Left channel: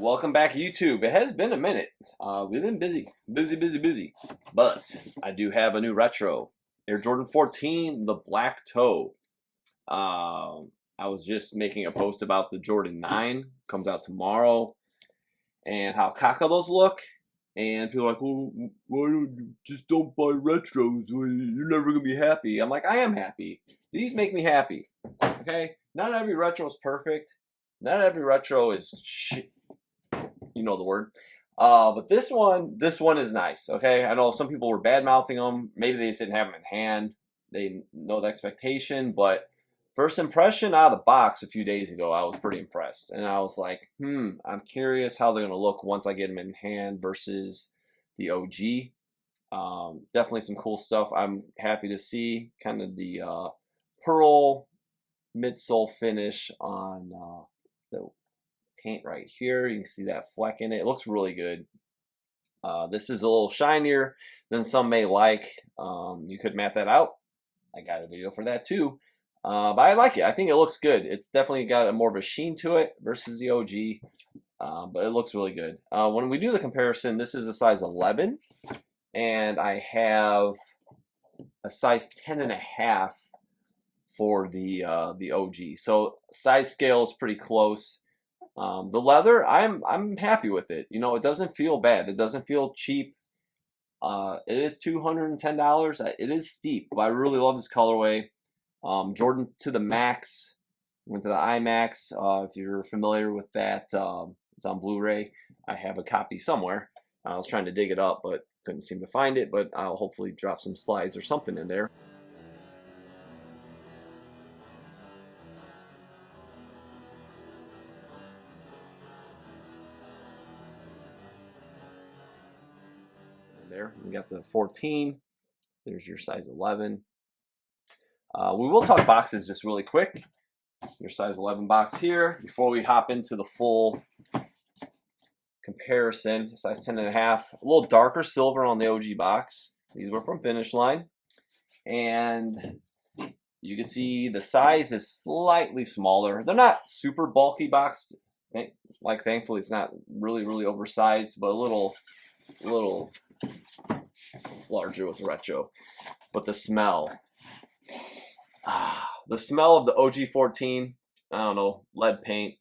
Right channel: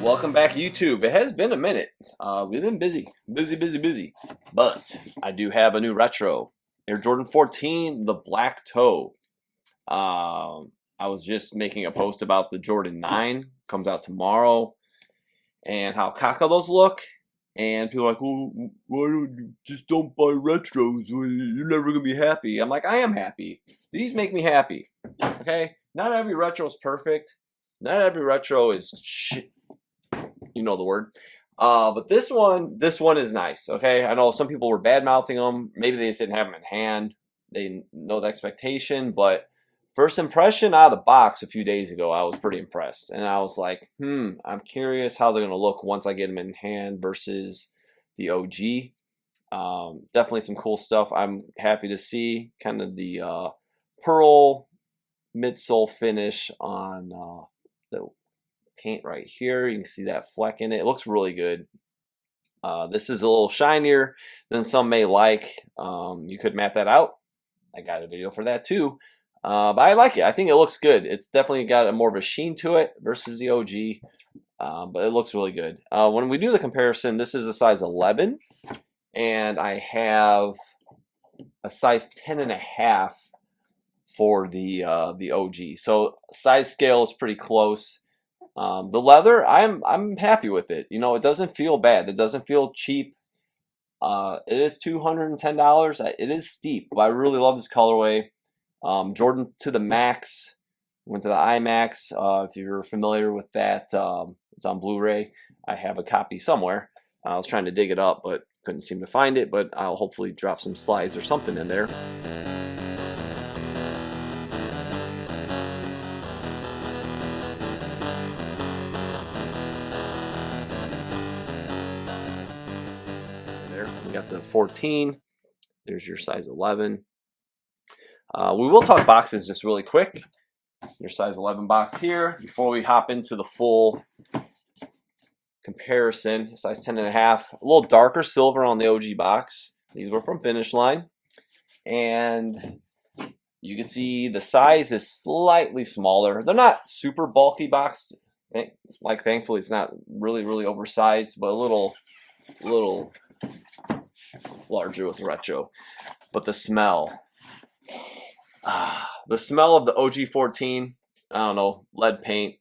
Welcome back, YouTube. It has been a minute. We've been busy, but I do have a new retro. Air Jordan 14, the black toe. I was just making a post about the Jordan 9, comes out tomorrow, and how caca those look. And people are like, well, why don't you just don't buy retros? You're never going to be happy. I'm like, I am happy. These make me happy. Okay? Not every retro is perfect. Not every retro is shit. You know the word. But this one is nice. Okay, I know some people were bad mouthing them. Maybe they just didn't have them in hand. They know the expectation, but first impression out of the box a few days ago, I was pretty impressed, and I was like, I'm curious how they're gonna look once I get them in hand versus the OG. Definitely some cool stuff. I'm happy to see kind of the pearl midsole finish on the paint right here. You can see that fleck in it. It looks really good. This is a little shinier than some may like. You could matte that out. I got a video for that too. But I like it. I think it looks good. It's definitely got a more of a sheen to it versus the OG. But it looks really good. When we do the comparison, this is a size 11. And I have a size 10.5 for the OG. So size scale is pretty close. The leather, I'm happy with it. You know, it doesn't feel bad. It doesn't feel cheap. It is $210. It is steep, but I really love this colorway. Jordan to the Max, went to the IMAX. If you're familiar with that, it's on Blu-ray. I have a copy somewhere. I was trying to dig it up, but couldn't seem to find it. But I'll hopefully drop some slides or something in there. We got the 14. There's your size 11. We will talk boxes just really quick. Your size 11 box here before we hop into the full comparison. Size 10.5. A little darker silver on the OG box. These were from Finish Line. And you can see the size is slightly smaller. They're not super bulky boxed. Like, thankfully, it's not really oversized, but a little larger with retro. But the smell of the OG 14, I don't know, lead paint,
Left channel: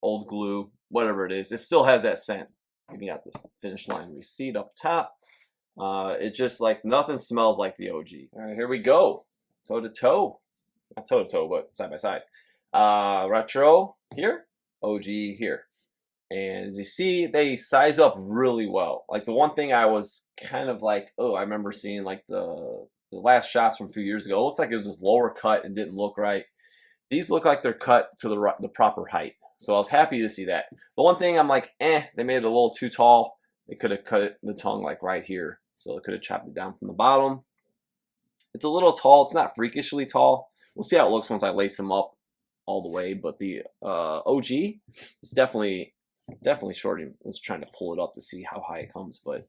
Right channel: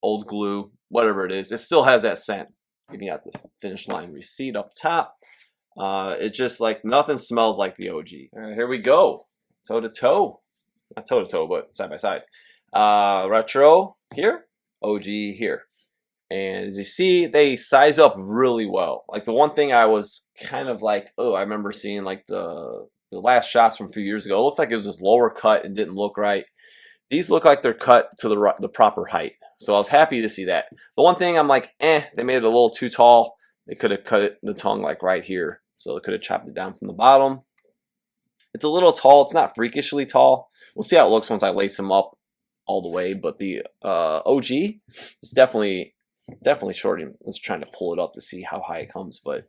old glue, whatever it is, it still has that scent. You got the Finish Line receipt up top. It's just like nothing smells like the OG. All right, here we go, toe to toe, not toe to toe, but side by side. Retro here, OG here. And as you see, they size up really well. Like, the one thing I was kind of like, oh, I remember seeing like the last shots from a few years ago. It looks like it was just lower cut and didn't look right. These look like they're cut to the proper height. So I was happy to see that. The one thing I'm like, they made it a little too tall. They could have cut the tongue like right here. So they could have chopped it down from the bottom. It's a little tall. It's not freakishly tall. We'll see how it looks once I lace them up all the way. But the OG is definitely short. I was trying to pull it up to see how high it comes, but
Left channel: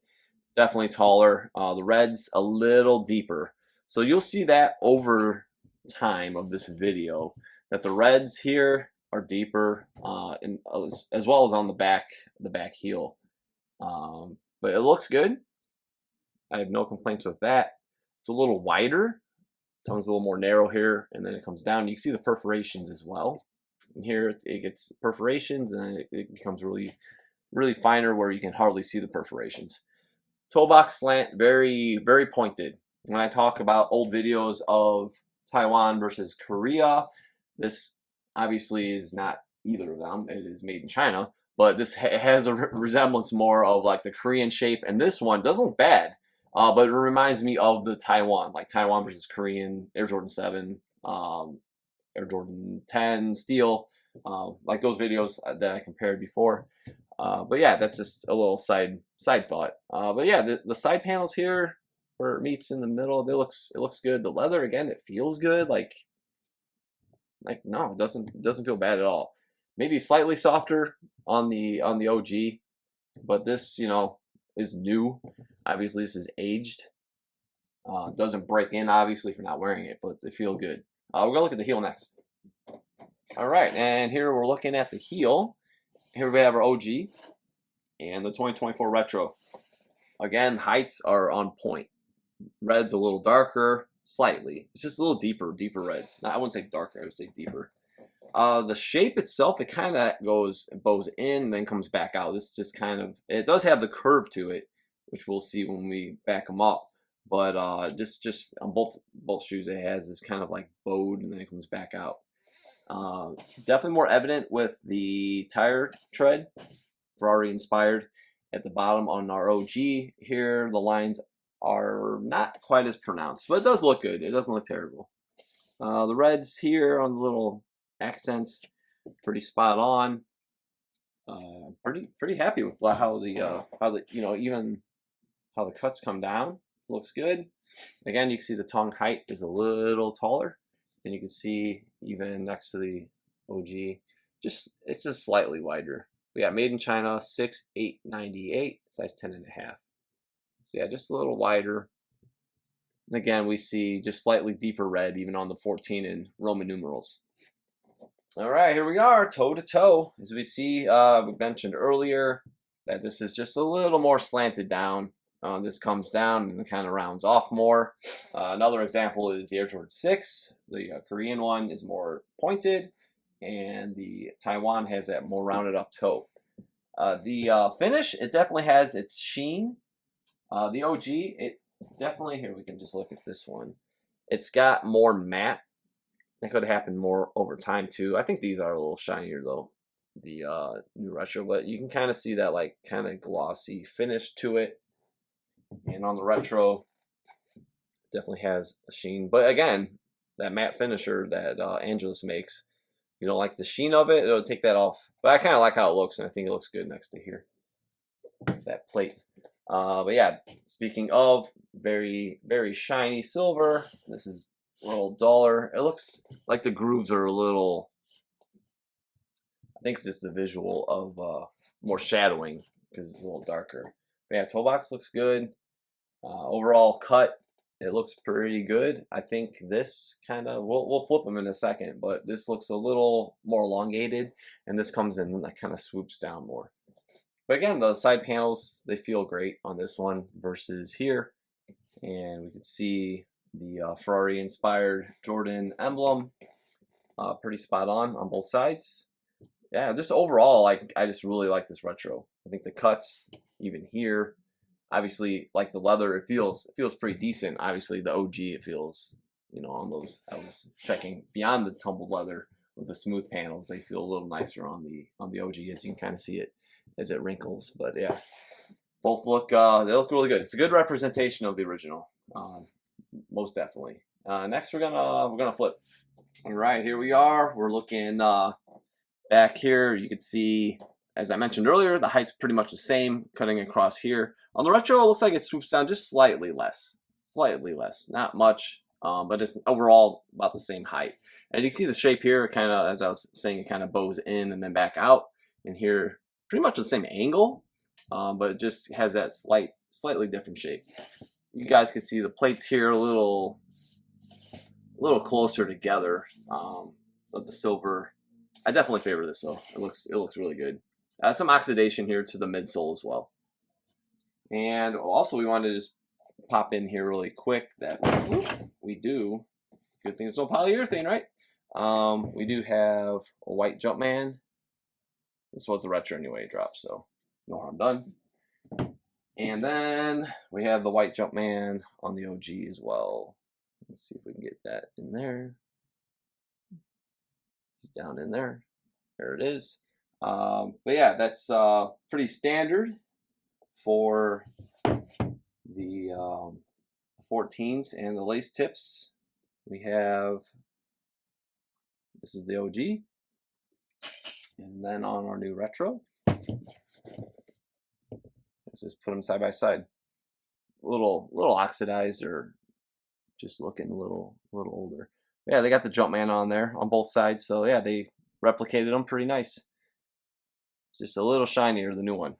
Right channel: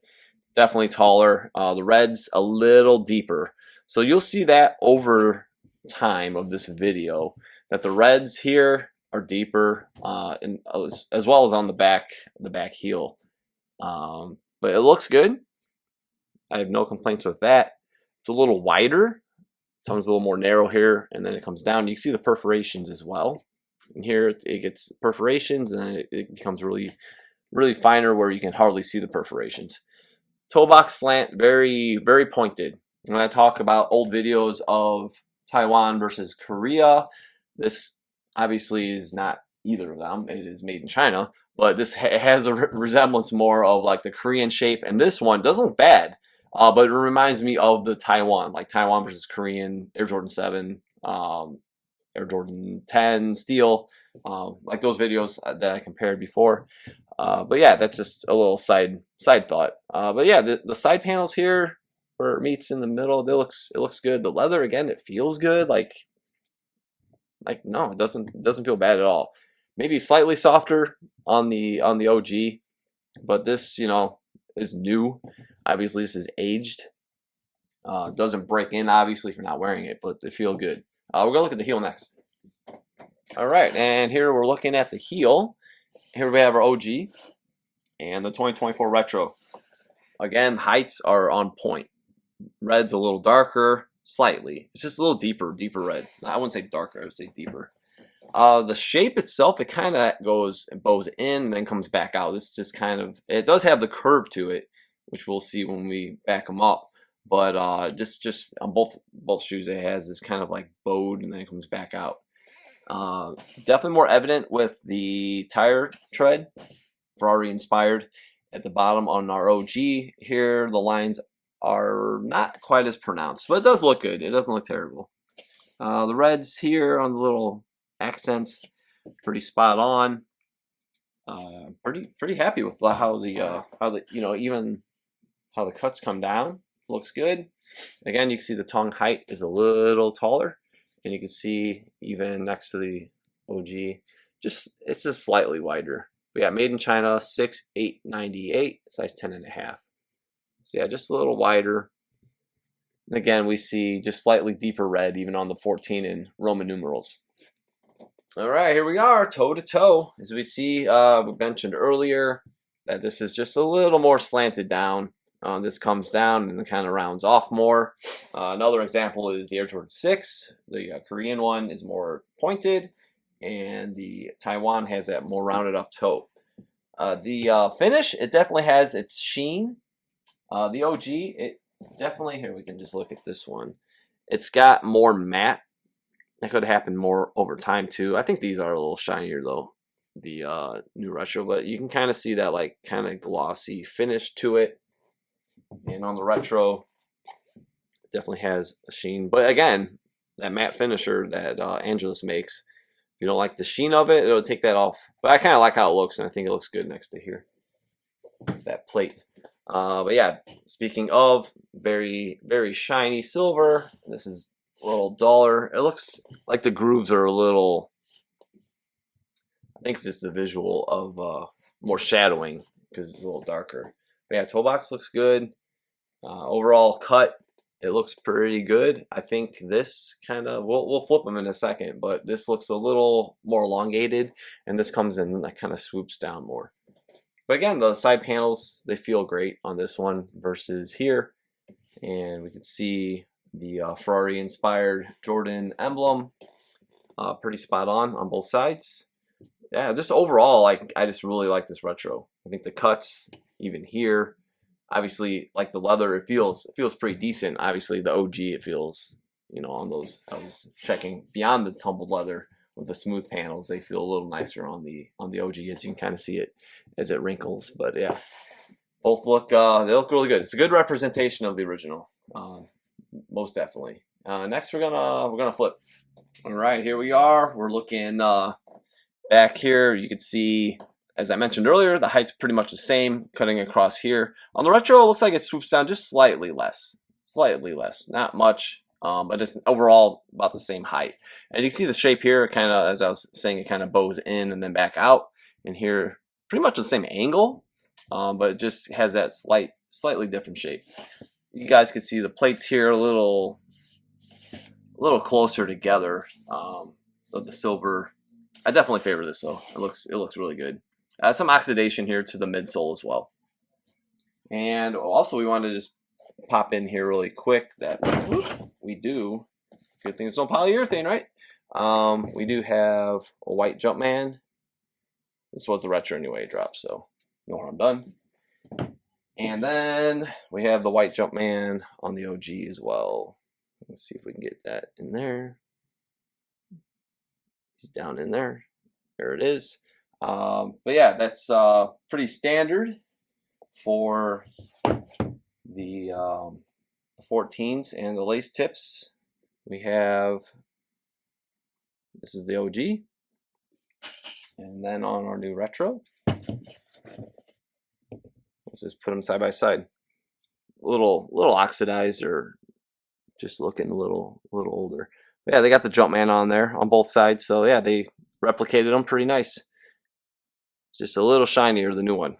definitely taller. The red's a little deeper. So you'll see that over time of this video that the reds here are deeper, and as well as on the back heel. But it looks good. I have no complaints with that. It's a little wider. Tongue's a little more narrow here, and then it comes down. You can see the perforations as well. And here it gets perforations, and it becomes really finer where you can hardly see the perforations. Toe box slant, very pointed. When I talk about old videos of Taiwan versus Korea, this obviously is not either of them. It is made in China, but this has a resemblance more of like the Korean shape, and this one doesn't look bad, but it reminds me of the Taiwan, like Taiwan versus Korean Air Jordan 7, Air Jordan 10 steel, like those videos that I compared before. But yeah, that's just a little side thought. But yeah, the side panels here where it meets in the middle, it looks good. The leather, again, it feels good. Like no, it doesn't feel bad at all. Maybe slightly softer on the OG, but this, you know, is new. Obviously, this is aged. It doesn't break in, obviously, if you're not wearing it, but they feel good. We're gonna look at the heel next. All right, and here we're looking at the heel. here we have our OG and the 2024 Retro. Again, heights are on point. Red's a little darker, slightly. It's just a little deeper red. I wouldn't say darker, I would say deeper. The shape itself, it kind of bows in and then comes back out. This just kind of, it does have the curve to it, which we'll see when we back them up. But just on both shoes, it has this kind of like bowed and then it comes back out. Definitely more evident with the tire tread, Ferrari inspired. At the bottom on our OG here, the lines are not quite as pronounced, but it does look good. It doesn't look terrible. The reds here on the little accents, pretty spot on. Pretty happy with how the even how the cuts come down. Looks good. Again, you can see the tongue height is a little taller, and you can see even next to the OG, it's just slightly wider. But yeah, made in China, 6'8", size 10.5. So yeah, just a little wider. And again, we see just slightly deeper red even on the 14 in Roman numerals. All right, here we are, toe to toe. As we see, we mentioned earlier that this is just a little more slanted down. This comes down and kind of rounds off more. Another example is the Air Jordan 6. The Korean one is more pointed, and the Taiwan has that more rounded off toe. The finish, it definitely has its sheen. The OG, it definitely, here we can just look at this one. It's got more matte. That could happen more over time too. I think these are a little shinier though, the new Retro, but you can kind of see that like kind of glossy finish to it. And on the Retro, definitely has a sheen. But again, that matte finisher that Angelus makes, if you don't like the sheen of it, it'll take that off. But I kind of like how it looks, and I think it looks good next to here, that plate. But yeah, speaking of very, very shiny silver, this is a little duller. It looks like the grooves are a little, I think it's just the visual of more shadowing because it's a little darker. But yeah, toe box looks good. Overall cut, it looks pretty good. I think this kind of, we'll flip them in a second, but this looks a little more elongated, and this comes in and that kind of swoops down more. But again, the side panels, they feel great on this one versus here. And we can see the Ferrari inspired Jordan emblem, pretty spot on both sides. Yeah, just overall, I just really like this Retro. I think the cuts, even here, obviously, like the leather, it feels pretty decent. Obviously, the OG, it feels, on those, I was checking beyond the tumbled leather with the smooth panels, they feel a little nicer on the OG, as you can kind of see it as it wrinkles. But yeah, both look they look really good. It's a good representation of the original, most definitely. Next, we're gonna flip. All right, here we are. We're looking back here. You can see, as I mentioned earlier, the height's pretty much the same, cutting across here. On the Retro, it looks like it swoops down just slightly less, not much, but just overall about the same height. And you can see the shape here, kind of, as I was saying, it kind of bows in and then back out. And here, pretty much the same angle, but it just has that slightly different shape. You guys can see the plates here a little closer together. Of the silver, I definitely favor this though. It looks really good. Some oxidation here to the midsole as well. And also, we wanted to just pop in here really quick that we do. Good thing there's no polyurethane, right? We do have a white Jumpman. This was the Retro anyway drop, so no harm done. And then we have the white Jumpman on the OG as well. Let's see if we can get that in there. It's down in there. There it is. But yeah, that's pretty standard for the 14s and the lace tips. We have, this is the OG, and then on our new Retro, let's just put them side by side. A little oxidized, or just looking a little older. But yeah, they got the Jumpman on there on both sides, so yeah, they replicated them pretty nice. Just a little shinier, the new one.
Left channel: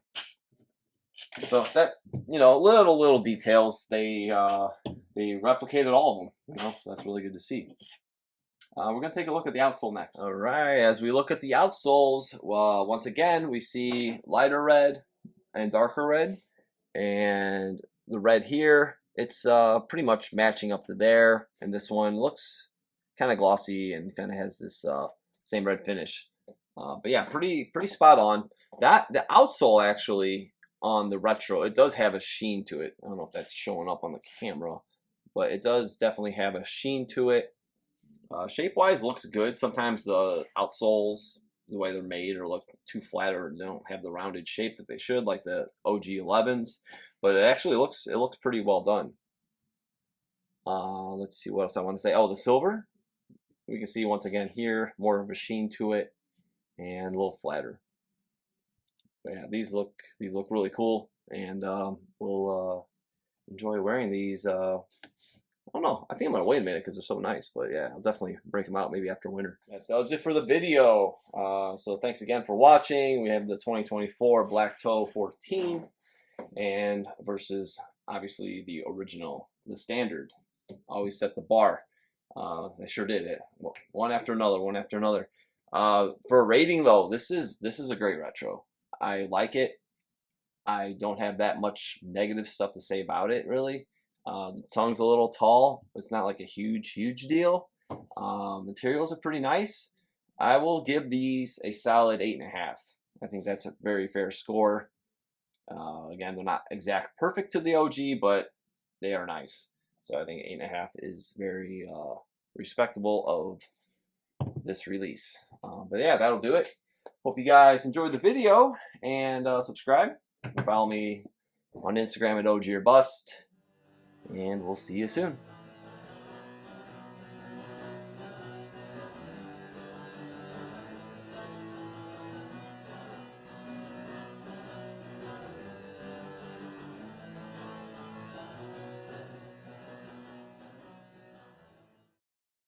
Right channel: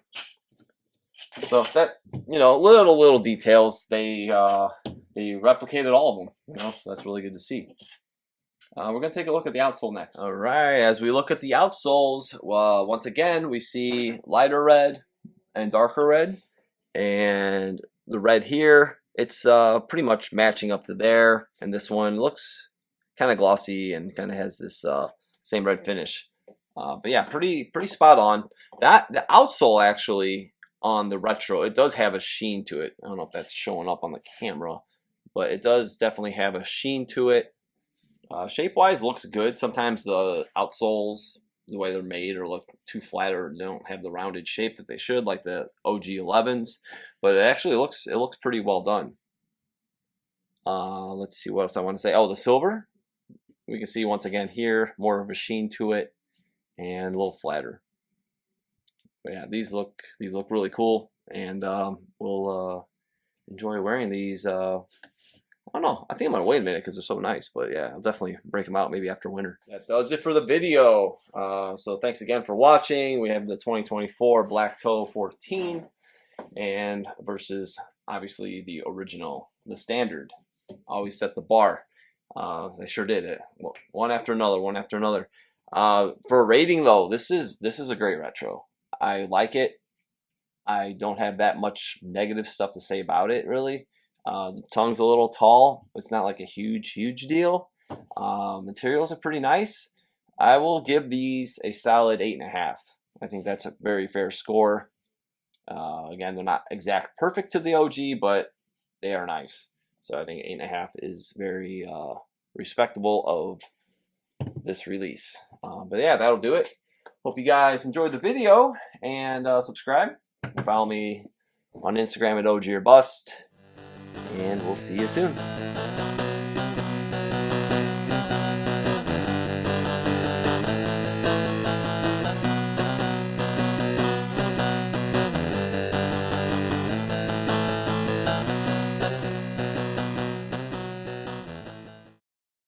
So that, little details, they replicated all of them, so that's really good to see. We're going to take a look at the outsole next. All right, as we look at the outsoles, once again, we see lighter red and darker red. And the red here, it's pretty much matching up to there. And this one looks kind of glossy and kind of has this same red finish. But yeah, pretty spot on. The outsole actually on the retro, it does have a sheen to it. I don't know if that's showing up on the camera, but it does definitely have a sheen to it. Shape-wise, looks good. Sometimes the outsoles, the way they're made, or look too flat, or they don't have the rounded shape that they should, like the OG 11s. But it actually looks pretty well done. Let's see what else I want to say. Oh, the silver. We can see once again here more of a sheen to it, and a little flatter. But yeah, these look really cool, and we'll enjoy wearing these. I don't know. I think I'm gonna wait a minute because they're so nice. But yeah, I'll definitely break them out maybe after winter. That does it for the video. So thanks again for watching. We have the 2024 Black Toe 14 and versus obviously the original, the standard. Always set the bar. I sure did it. One after another, one after another. For a rating though, this is a great retro. I like it. I don't have that much negative stuff to say about it really. The tongue's a little tall. It's not like a huge deal. Materials are pretty nice. I will give these a solid 8.5. I think that's a very fair score. Again, they're not exact perfect to the OG, but they are nice. So I think 8.5 is very respectable of this release. But yeah, that'll do it. Hope you guys enjoyed the video, and subscribe. Follow me on Instagram at OG or Bust. And we'll see you soon.